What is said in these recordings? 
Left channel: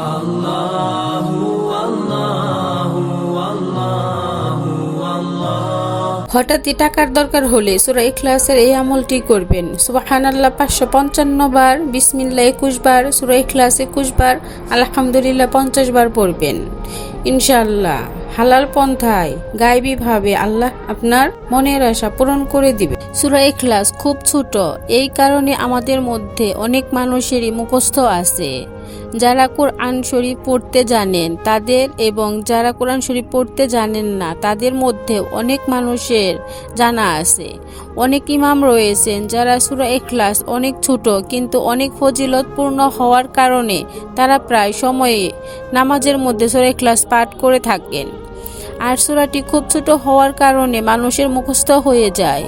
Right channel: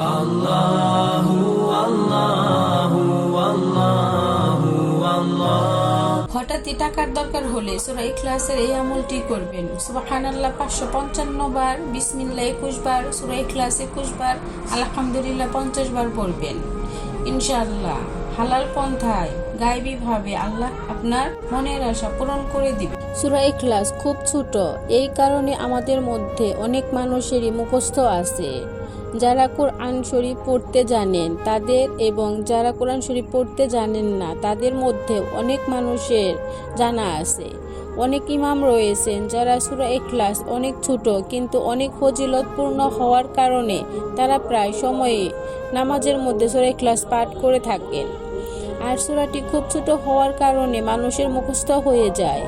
আল্লাহু আল্লাহু আল্লাহু আল্লাহ। হঠাৎই টাকার দরকার হলে সূরা ইখলাসের এই আমলটি করবেন। সুবহানাল্লাহ 555 বার, বিসমিল্লাহ 21 বার, সূরা ইখলাস 21 বার, আলহামদুলিল্লাহ 50 বার পড়বেন। ইনশাআল্লাহ হালাল পন্থায় গায়বীভাবে আল্লাহ আপনার মনের আশা পূরণ করে দিবে। সূরা ইখলাস খুব ছোট, এই কারণে আমাদের মধ্যে অনেক মানুষেরই মুখস্থ আছে। যারা কোরআন শরীফ পড়তে জানেন তাদের এবং যারা কোরআন শরীফ পড়তে জানেন না তাদের মধ্যে অনেক মানুষের জানা আছে। অনেক ইমাম রয়েছেন যারা সূরা ইখলাস অনেক ছোট কিন্তু অনেক ফজিলতপূর্ণ হওয়ার কারণে তারা প্রায় সময়ে নামাজের মধ্যে সূরা ইখলাস পাঠ করে থাকেন। আর সূরাটি খুব ছোট হওয়ার কারণে মানুষের মুখস্থ হয়ে যায়।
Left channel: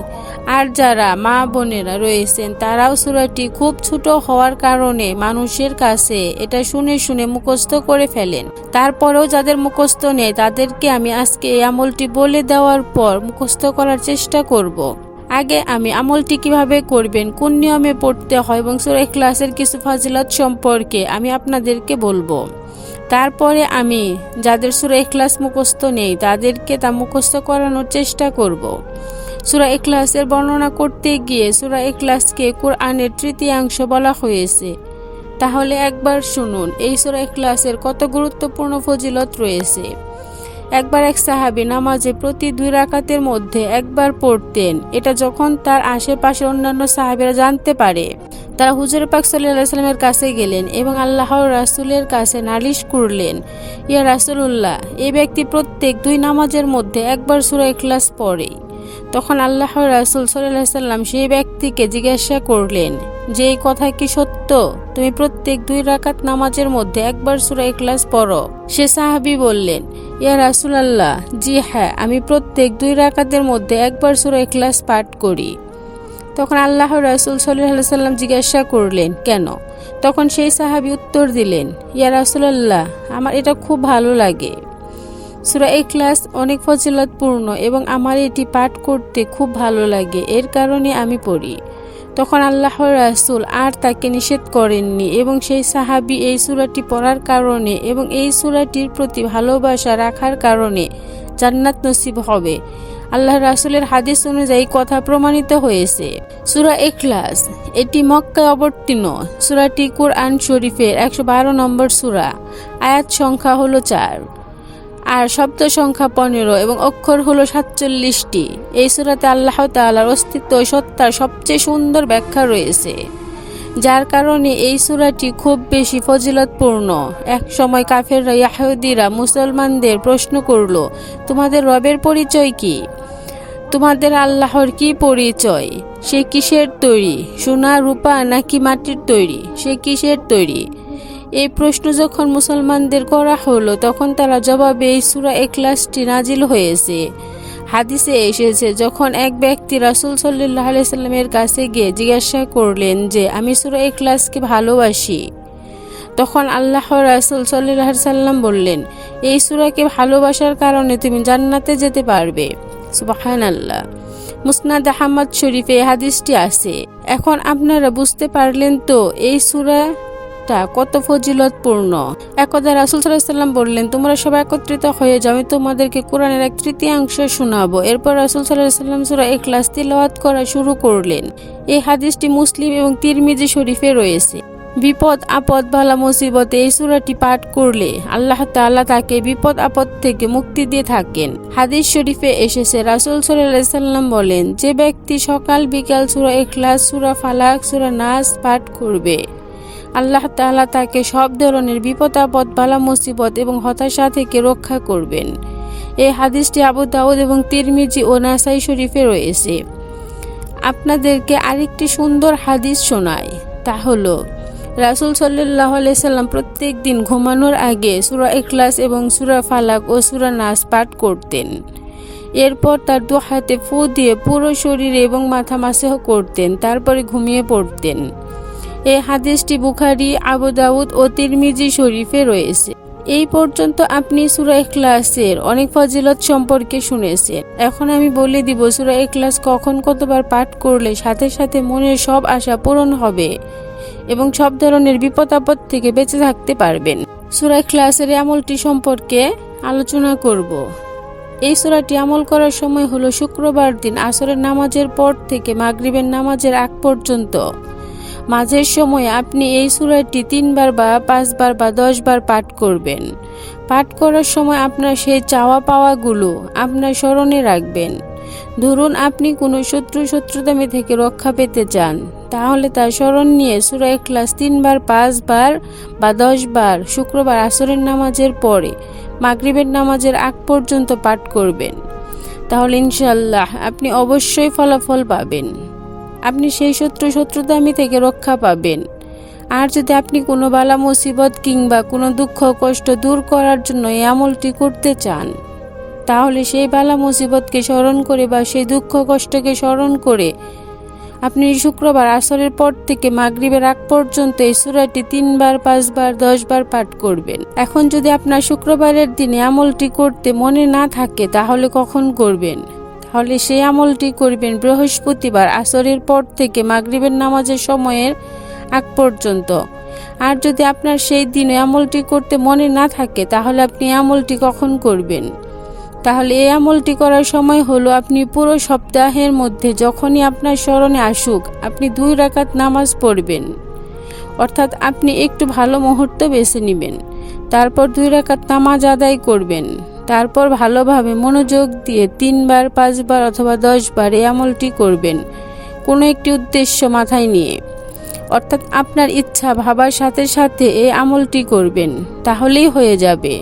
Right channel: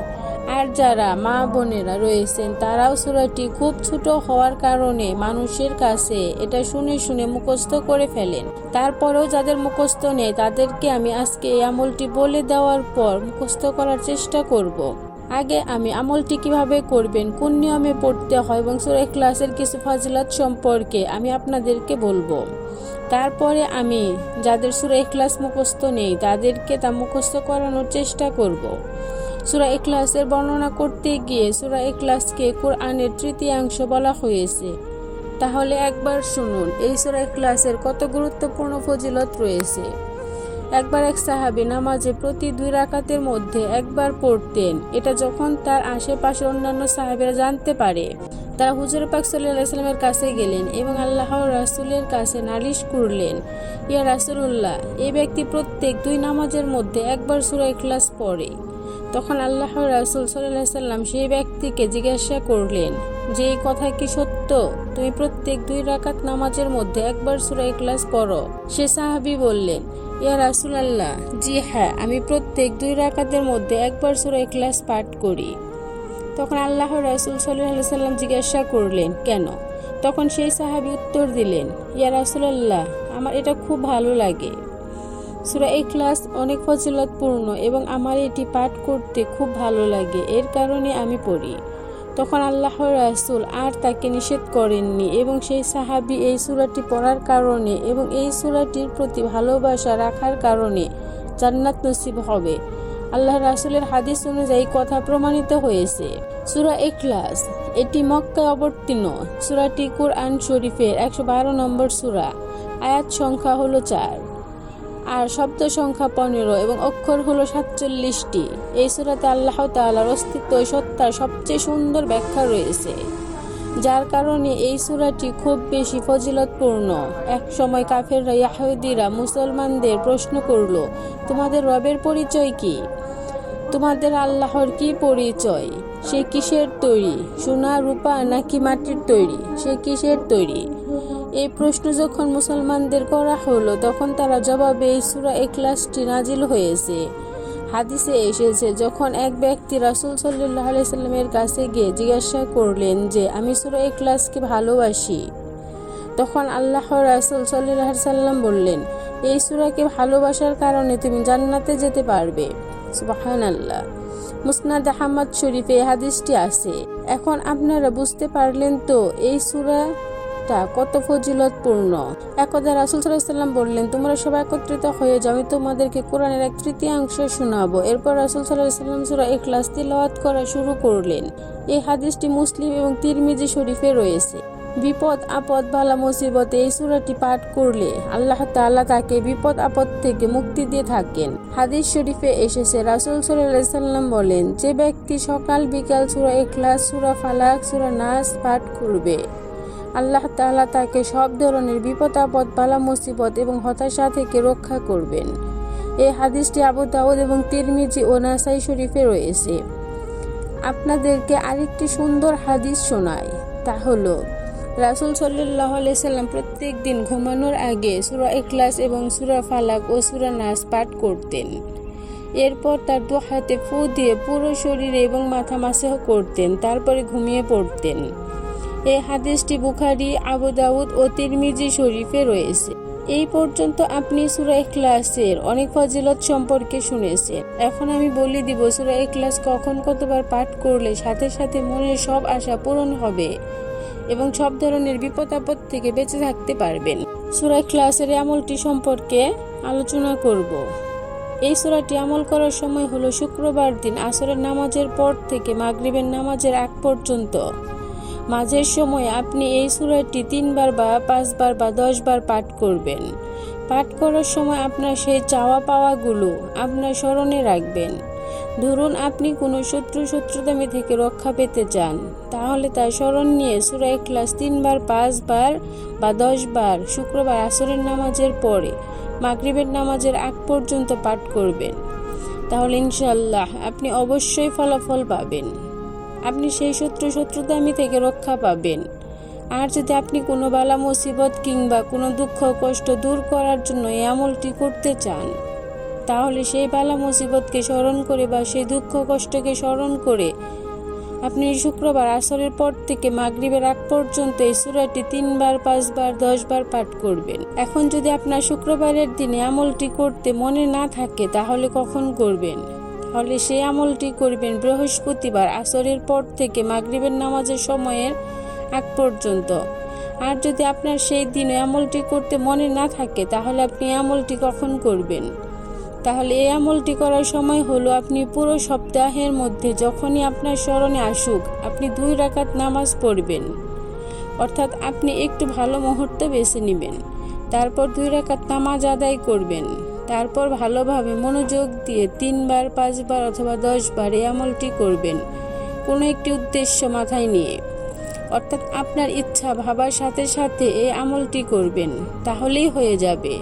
আর যারা মা বোনেরা রয়েছেন তারাও সূরাটি খুব ছোট হওয়ার কারণে মানুষের কাছে এটা শুনে শুনে মুখস্থ করে ফেলেন। তারপরেও যাদের মুখস্থ নেই তাদেরকে আমি আজকে এই আমলটি বলে দেওয়ার পর মুখস্থ করার চেষ্টা করব। আগে আমি আমলটি কিভাবে করবেন, কোন নিয়মে পড়তে হয় এবং সূরা ইখলাসের কিছু ফজিলত সম্পর্কে আমি আপনাদেরকে বলবো। তারপরে আমি যাদের সূরা ইখলাস মুখস্থ নেই তাদেরকে তা মুখস্থ করানোর চেষ্টা করব। সূরা ইখলাসের বর্ণনা করতে গিয়ে সূরা ইখলাসকে কোরআনের তৃতীয়াংশ বলা হয়েছে। তাহলে একবার শুনুন এই সূরা ইখলাসের কত গুরুত্বপূর্ণ ফজিলত রয়েছে। একবার এক সাহাবী নামাজে প্রতি 2 রাকাতের মধ্যে একবার পড়তেন। এটা যখন তার আশেপাশে অন্যান্য সাহাবীরা জানতে পারে, তারা হুজুর পাক সাল্লাল্লাহু আলাইহি ওয়াসাল্লামের কাছে গেলেন এবং আল্লাহর রাসূলের কাছে নালিশ করলেন, ইয়া রাসূলুল্লাহ, এই ব্যক্তি প্রত্যেক 2 নামাজের মধ্যে একবার সূরা ইখলাস পড়ে। তখন আল্লাহর রাসূল সাল্লাল্লাহু আলাইহি ওয়াসাল্লাম সেই ব্যক্তিকে জিজ্ঞাসা করলেন যে এই কথা কি সত্য, তুমি প্রত্যেক 2 রাকাত নামাজের মধ্যে একবার সূরা ইখলাস পড়ো? সে সাহাবী বললেন, ইয়া রাসূলুল্লাহ, জি হ্যাঁ, আমি প্রত্যেক 2 রাকাতের মধ্যে একবার সূরা ইখলাস পাঠ করি। তখন আল্লাহর রাসূল সাল্লাল্লাহু আলাইহি ওয়াসাল্লাম জিজ্ঞাসা করলেন, কেন? তখন সেই সাহাবী উত্তর দিলেন, ইয়া রাসূলুল্লাহ, আমার এটা খুব ভালো লাগে। সূরা ইখলাস অনেক ফজিলতপূর্ণ এবং আমার এটি পাঠ করতে খুব ভালো লাগে, এর কারণে আমি পড়ি। তখন আল্লাহর রাসূল আর তাকে নিষেধ করেননি এবং সেই সাহাবী এই সূরাটি পড়ার কারণে এবং এই সূরাটির প্রতি ভালোবাসা রাখার কারণে জান্নাত নসিব হবে। আল্লাহর রাসূলের হাদিস অনুযায়ী কথা প্রমাণিত হয়েছে। সূরা ইখলাস এটি মক্কায় অবতীর্ণ। সূরাটি কোরআন শরীফের 112 নম্বর সূরা। আয়াত সংখ্যা হলো 4 আর শব্দ সংখ্যা 15 এবং অক্ষর হলো 47টি। এই সূরাতে আল্লাহ তাআলার অস্তিত্ব ও সত্তার সবচেয়ে সুন্দর ব্যাখ্যা রয়েছে, যার কারণে এই সূরাটি খুব বেশি ফজিলতপূর্ণ। এক সময় কাফেররা ইহুদিরা মুসলমানদের প্রশ্ন করল, তোমাদের রবের পরিচয় কি? তোমাদের আল্লাহর কি পরিচয়? সে কিসের তৈরি? সোনা, রূপা নাকি মাটির তৈরি? সে কিসের তৈরি? এই প্রশ্ন যখন মুসলমানদের করা হলো তখন তারা জবাবে এই সূরা ইখলাসটি নাজিল হয়েছে। হাদিসে এসেছে, যখন এক ব্যক্তি রাসূল সাল্লাল্লাহু আলাইহি সাল্লামের কাছে গিয়ে জিজ্ঞাসা করলেন যে আমি সূরা ইখলাসকে ভালোবাসি, তখন আল্লাহর রাসূল সাল্লাল্লাহু আলাইহি সাল্লাম বললেন, এই সূরাকে ভালোবাসার কারণে তুমি জান্নাতে যেতে পারবে। সুবহানাল্লাহ। মুসনাদ আহমদ শরীফে এই হাদিসটি আছে। এখন আপনারা বুঝতে পারলেন তো এই সূরা কত ফজিলতপূর্ণ। একদা রাসূল সাল্লাল্লাহু আলাইহি সাল্লাম বললেন, তোমরা সবাই একত্রিত হয়ে যাও, আমি তোমাদেরকে কোরআনের 1/3 শোনাবো। এরপর রাসূল সাল্লাল্লাহু আলাইহি সাল্লাম সূরা ইখলাস তিলাওয়াত করা শুরু করলেন। এই হাদিসটি মুসলিম এবং তিরমিজি শরীফে রয়েছে। বিপদ আপদ বালা মুসিবতে এই সূরাটি পাঠ করলে আল্লাহ তাআলা তাকে বিপদ আপদ থেকে মুক্তি দিয়ে থাকেন। হাদিস শরীফে এসেছে, রাসূল সাল্লাল্লাহু আলাইহি সাল্লাম বলেন, যে ব্যক্তি সকাল বিকাল সূরা ইখলাস, সূরা ফালাক, সূরা নাস পাঠ করবে, আল্লাহ তাআলা তাকে সব ধরনের বিপদ আপদ বালা মুসিবত এবং হতাশা থেকে রক্ষা করবেন। এই হাদিসটি আবু দাউদ এবং তিরমিজি ও নাসাই শরীফে রয়েছে। আপনাদেরকে আরেকটি সুন্দর হাদিস শোনাই, তা হলো রাসূল সাল্লাল্লাহু আলাইহি সাল্লাম প্রত্যেক দিন ঘুমানোর আগে সূরা ইখলাস এবং সূরা ফালাক ও সূরা নাস পাঠ করতেন। এরপর তার 2 হাতে ফু দিয়ে পুরো শরীরে এবং মাথা মাসহ করতেন, তারপরে ঘুমিয়ে পড়তেন। এই হাদিসটি বুখারী, আবু দাউদ ও তিরমিজি শরীফে রয়েছে। এই পর্যন্ত আপনি সূরা ইখলাসের অনেক ফজিলত সম্পর্কে শুনেছেন। এখন আমি বলে দিব সূরা ইখলাস কখন কতবার পাঠ করলে সাথে সাথে মনের সব আশা পূরণ হবে এবং সব ধরনের বিপদ আপদ থেকে বেঁচে থাকতে পারবেন। সূরা ইখলাসের এই আমলটি সম্পর্কে আলোচনা করব। এই সূরাটি আমল করার সময় হলো শুক্রবার দিন আসরের নামাজের পর থেকে মাগরিবের নামাজের আগ পর্যন্ত। মাঝের সময় আপনি এই সূরাটি 3 বার বা 5 বার বা 10 বার পাঠ করবেন। পাঠ করার সময় আপনার সেই চাওয়া পাওয়াগুলো আপনার স্মরণে রাখবেন। ধরুন আপনি কোনো শত্রুতামি থেকে রক্ষা পেতে চান, তাহলে তার স্মরণ নিয়ে সূরা ইখলাস 3 বার 5 বার বা 10 বার শুক্রবার আসরের নামাজের পরে মাগরিবের নামাজের আগ পর্যন্ত পাঠ করবেন। তাহলে ইনশাআল্লাহ আপনি অবশ্যই ফলাফল পাবেন। আপনি সেই শত্রুতামি থেকে রক্ষা পাবেন। আর যদি আপনি কোনো বালা মুসিবত কিংবা কোনো দুঃখ কষ্ট দূর করার জন্য এই আমলটি করতে চান, তাহলে সেই বালা মুসিবতকে স্মরণ করে বা সেই দুঃখ কষ্টকে স্মরণ করে আপনি শুক্রবার আসরের পর থেকে মাগরিবের আগ পর্যন্ত এই সূরাটি 3 বার 5 বার 10 বার পাঠ করবেন। এখন যদি আপনার শুক্রবারের দিনে আমলটি করতে মনে না থাকে, তাহলে কখন করবেন? তাহলে সেই আমলটি করবেন বৃহস্পতিবার আসরের পর থেকে মাগরিবের নামাজের সময়ের আগ পর্যন্ত। আর যদি আপনার সেই দিনে আমলটি করতে মনে না থাকে, তাহলে আপনি আমলটি কখন করবেন? তাহলে এই আমলটি করার সময় হলো আপনি পুরো সপ্তাহের মধ্যে যখনই আপনার স্মরণে আসুক আপনি 2 রাকাত নামাজ পড়বেন। অর্থাৎ আপনি একটু ভালো মুহূর্ত বেছে নেবেন, তারপর 2 রাকাত নামাজ আদায় করবেন। তারপর ভালোভাবে মনোযোগ দিয়ে 3 বার 5 বার অথবা 10 বার এই আমলটি করবেন, কোনো একটি উদ্দেশ্য মাথায় নিয়ে। অর্থাৎ আপনার ইচ্ছা ভাবার সাথে সাথে এই আমলটি করবেন, তাহলেই হয়ে যাবে।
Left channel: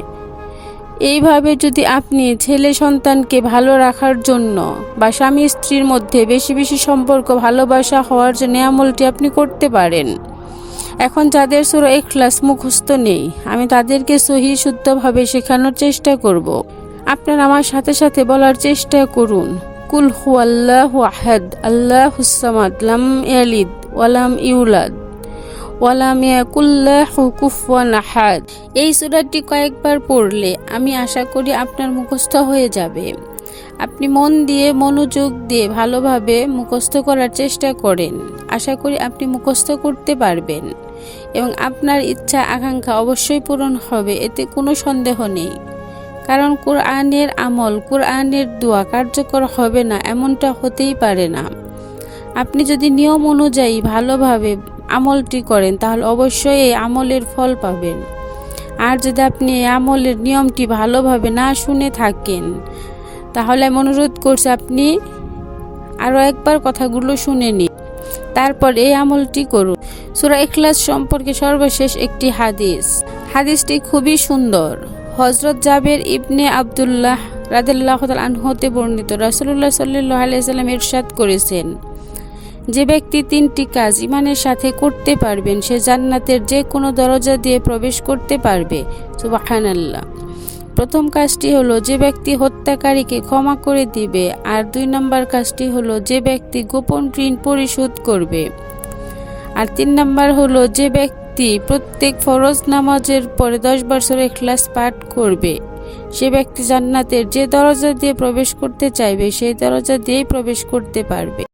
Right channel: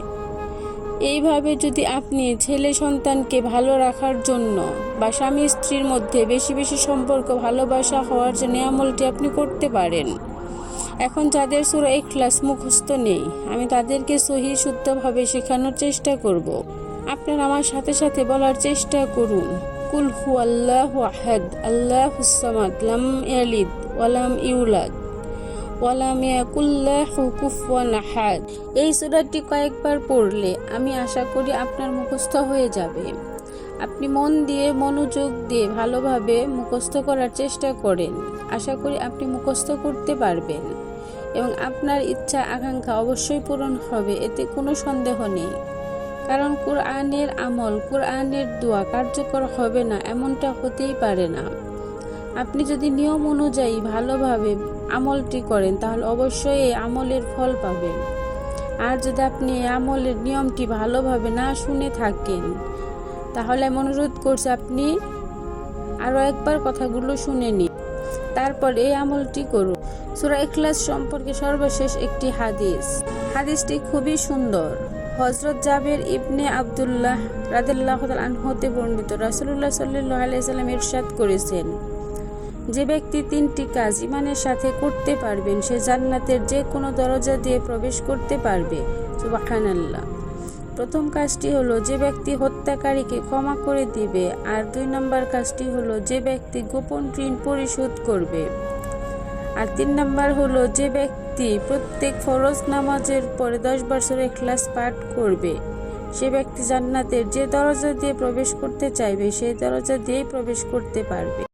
এইভাবে যদি আপনি ছেলে সন্তানকে ভালো রাখার জন্য বা স্বামী স্ত্রীর মধ্যে বেশি বেশি সম্পর্ক ভালোবাসা হওয়ার জন্য আমলটি আপনি করতে পারেন। এখন যাদের সূরা ইখলাস মুখস্থ নেই, আমি তাদেরকে সহিহ শুদ্ধভাবে শেখানোর চেষ্টা করব। আপনারা আমার সাথে সাথে বলার চেষ্টা করুন, কুল হুয়াল্লাহু আহাদ আল্লাহুস সামাদ লাম ইয়ালিদ ওয়া লাম ইউলাদ ওয়া লাম ইয়াকুল লাহু কুফুয়ান আহাদ। এই সূরাটি কয়েকবার পড়লে আমি আশা করি আপনার মুখস্থ হয়ে যাবে। আপনি মন দিয়ে মনোযোগ দিয়ে ভালোভাবে মুখস্থ করার চেষ্টা করেন, আশা করি আপনি মুখস্থ করতে পারবেন এবং আপনার ইচ্ছা আকাঙ্ক্ষা অবশ্যই পূরণ হবে, এতে কোনো সন্দেহ নেই। কারণ কোরআনের আমল, কোরআনের দোয়া কার্যকর হবে না এমনটা হতেই পারে না। আপনি যদি নিয়ম অনুযায়ী ভালোভাবে আমলটি করেন, তাহলে অবশ্যই এই আমলের ফল পাবেন। আর যদি আপনি এই আমলের নিয়মটি ভালোভাবে না শুনে থাকেন, তাহলে আমি অনুরোধ করছি আপনি আরও একবার কথাগুলো শুনে নিন, তারপর এই আমলটি করুন। সূরা ইখলাস সম্পর্কে সর্বশেষ একটি হাদিসটি খুবই সুন্দর। হযরত জাবের ইবনে আব্দুল্লাহ রাদিয়াল্লাহু তাআলা আনহু হতে বর্ণিত, রাসূলুল্লাহ সাল্লাল্লাহু আলাইহি ওয়াসাল্লাম ইরশাদ করেছেন, যে ব্যক্তি 3টি কাজ ঈমানের সাথে করতে পারবেন সে জান্নাতের যে কোনো দরজা দিয়ে প্রবেশ করতে পারবে। সুবহানাল্লাহ। প্রথম কাজটি হলো যে ব্যক্তি হত্যাকারীকে ক্ষমা করে দিবে, আর 2 নম্বর কাজটি হলো যে ব্যক্তি গোপন ঋণ পরিশোধ করবে, আর 3 নম্বর হলো যে ব্যক্তি প্রত্যেক ফরজ নামাজের পরে 10 বার সূরা ইখলাস পাঠ করবে। সে ব্যক্তি জান্নাতের যে দরজা দিয়ে প্রবেশ করতে চাইবে সেই দরজা দিয়েই প্রবেশ করতে পারবে।